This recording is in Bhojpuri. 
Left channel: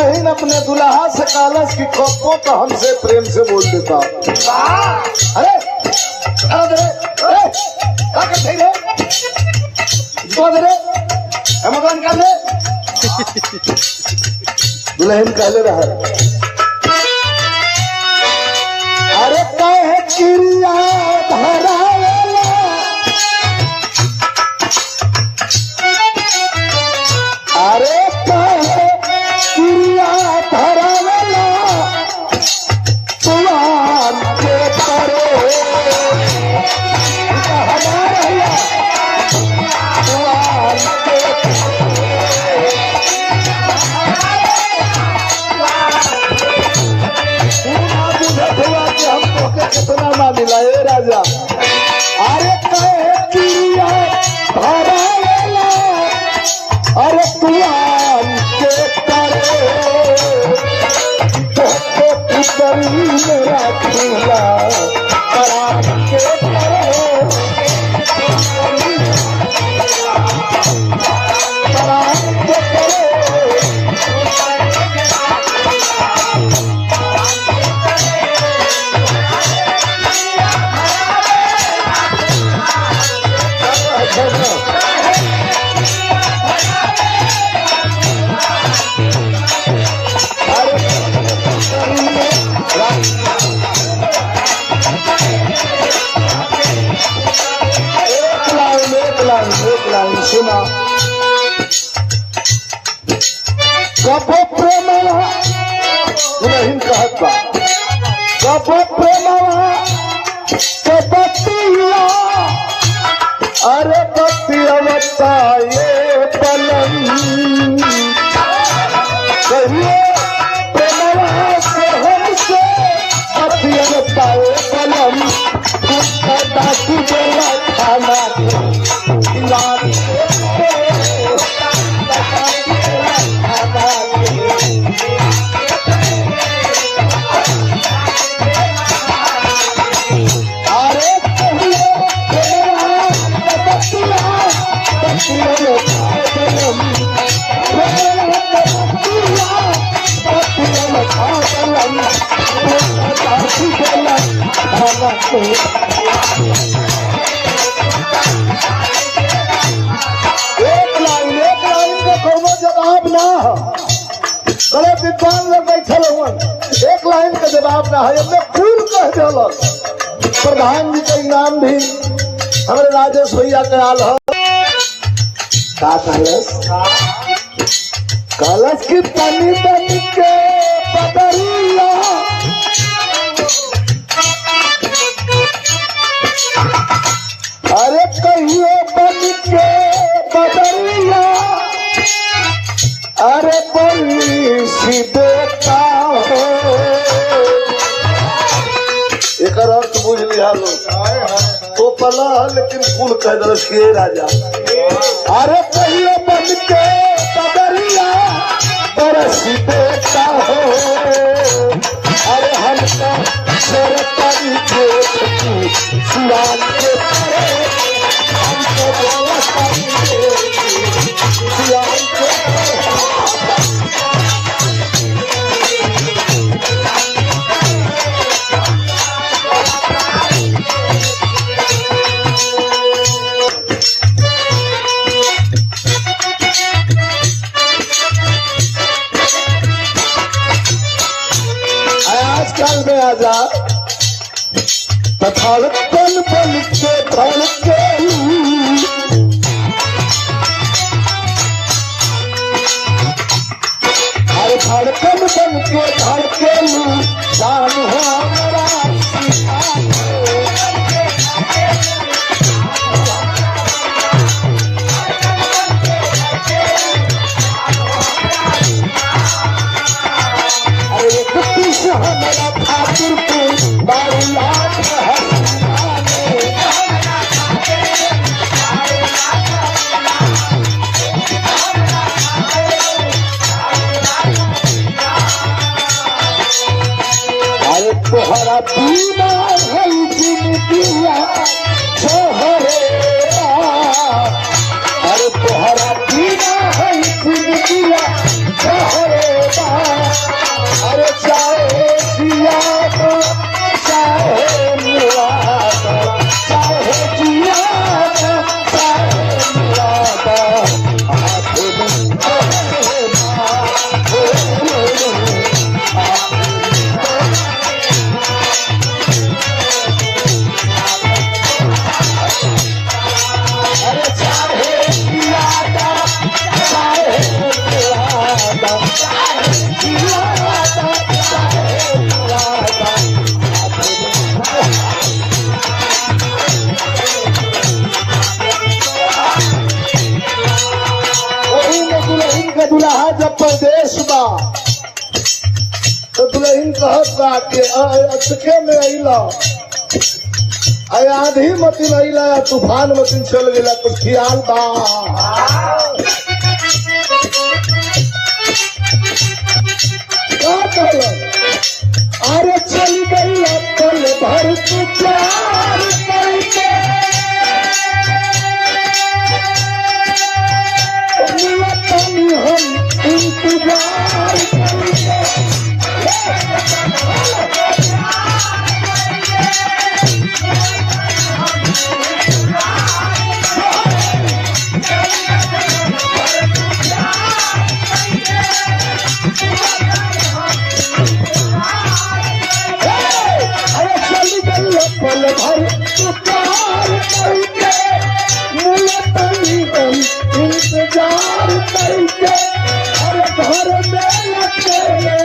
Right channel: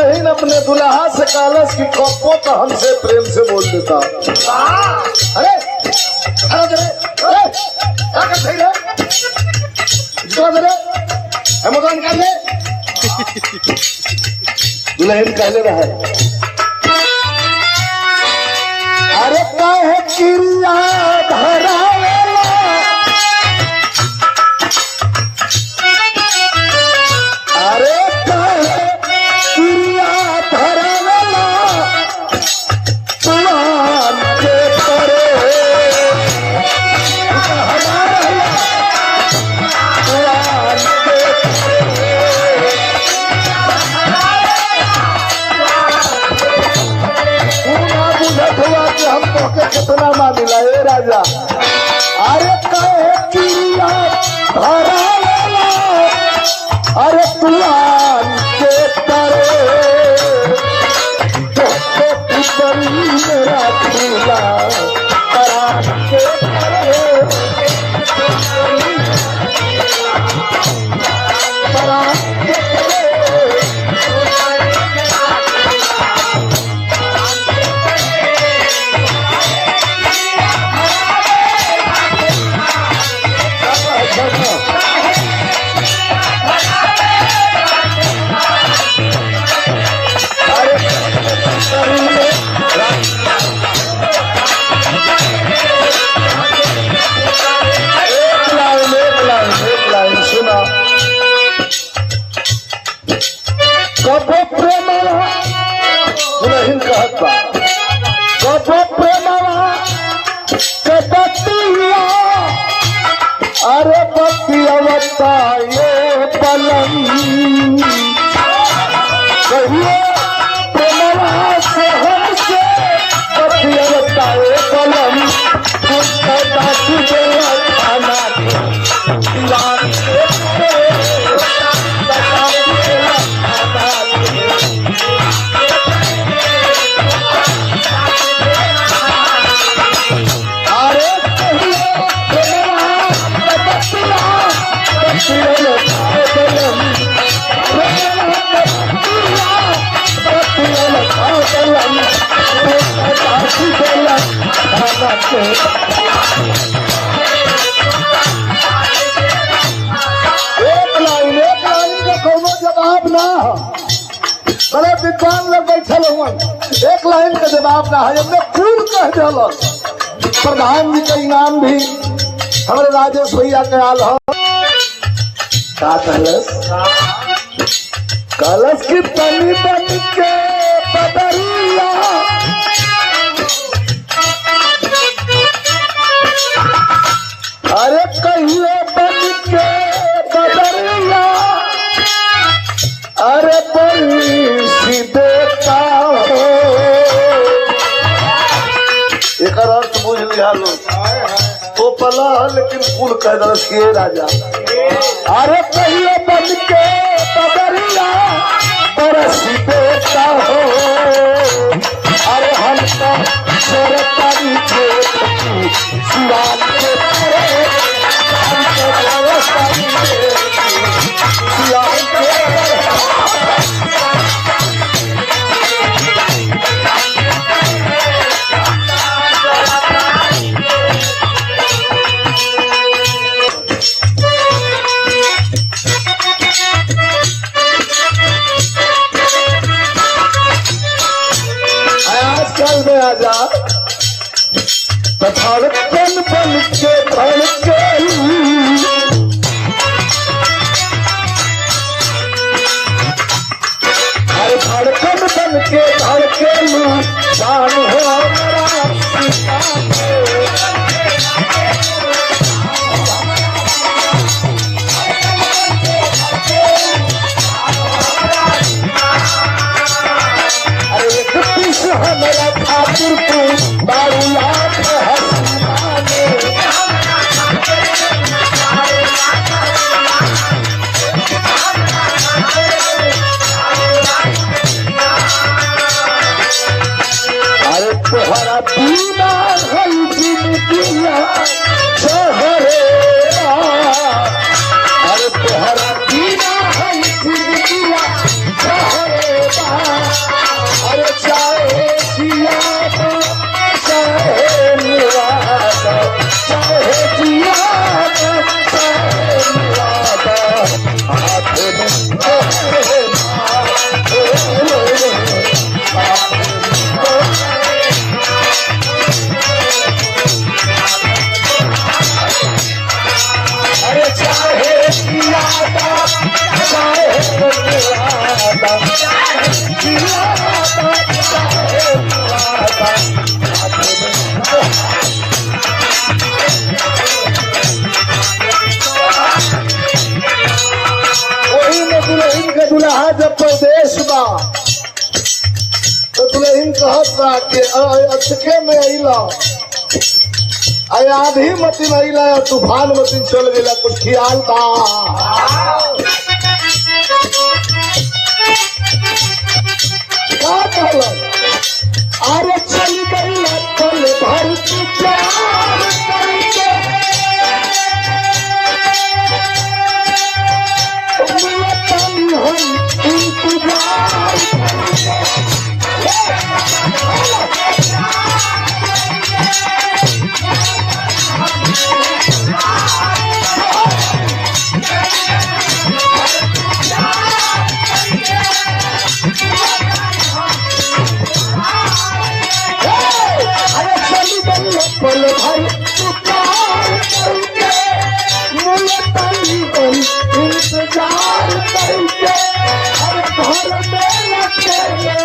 दुल्हन अपने दुल्हा से कालस की कपो तो हमसे प्रेम से बोल देता। अरे अरे अरे मकान कर ले दुल्हन कहले रहे अरे काहे किरिया धरावेला अरे काहे किरिया धरावेला पुराण के परे हमारा पुराण के कितना ना मिला ये राजा। अरे कहे चिड़िया भरा अरे पुराण के करे पुतरी मेरा चूल्हा पुराण के करे पुराण के करे सुना कबो प्रेम दुल्हन कहता कबो प्रेम के बतिया अरे बतिया बताए पलम कहिए प्रेमवा से हमसे बतिया बताए पलम खाना एक लाइन का कोनो जवाब ना हो बड़े विद्वान लोग बैठल हुआ एक लाइन का जवाब ना है फूल कह दिल प्रधान जी का इनाम भी हमारे राजेश भैया के आल हो का कलश की तनी बन के बदरिया अरे कहिए बन के बदरिया अरे बड़ी सी देता हो एक अर्थ बुझ लिया लोग तो पला लेकिन फूल कह दर्श किए राजा। अरे कहिए बन के बदरिया बरसी देता हो अरे हमका सरकारी सुरान के हमको सुरान के आजकल में आजा धड़कन बन के धड़के अरे धड़कन बन के धड़के जान हो मेरा अरे कुत्ती से हमारा खातिर तू बारी याद है तोहरा पीना है जिंदगिया शहरे अरे तोहरा पीना है जिंदगिया शहरे वही में दुल्हन के दुल्हा जब परदेश बा तो दुल्हन कहत बा कि अचके में अइला आधी मतीन अइला तूफान मतीन चल गया कुछ ख्याल बा का कहल अरे चल गई पल भर तू प्यार करके हम इंतजार पल भर पुकार करके इंतजार करके हर घर में लगे